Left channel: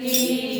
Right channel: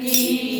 aqui.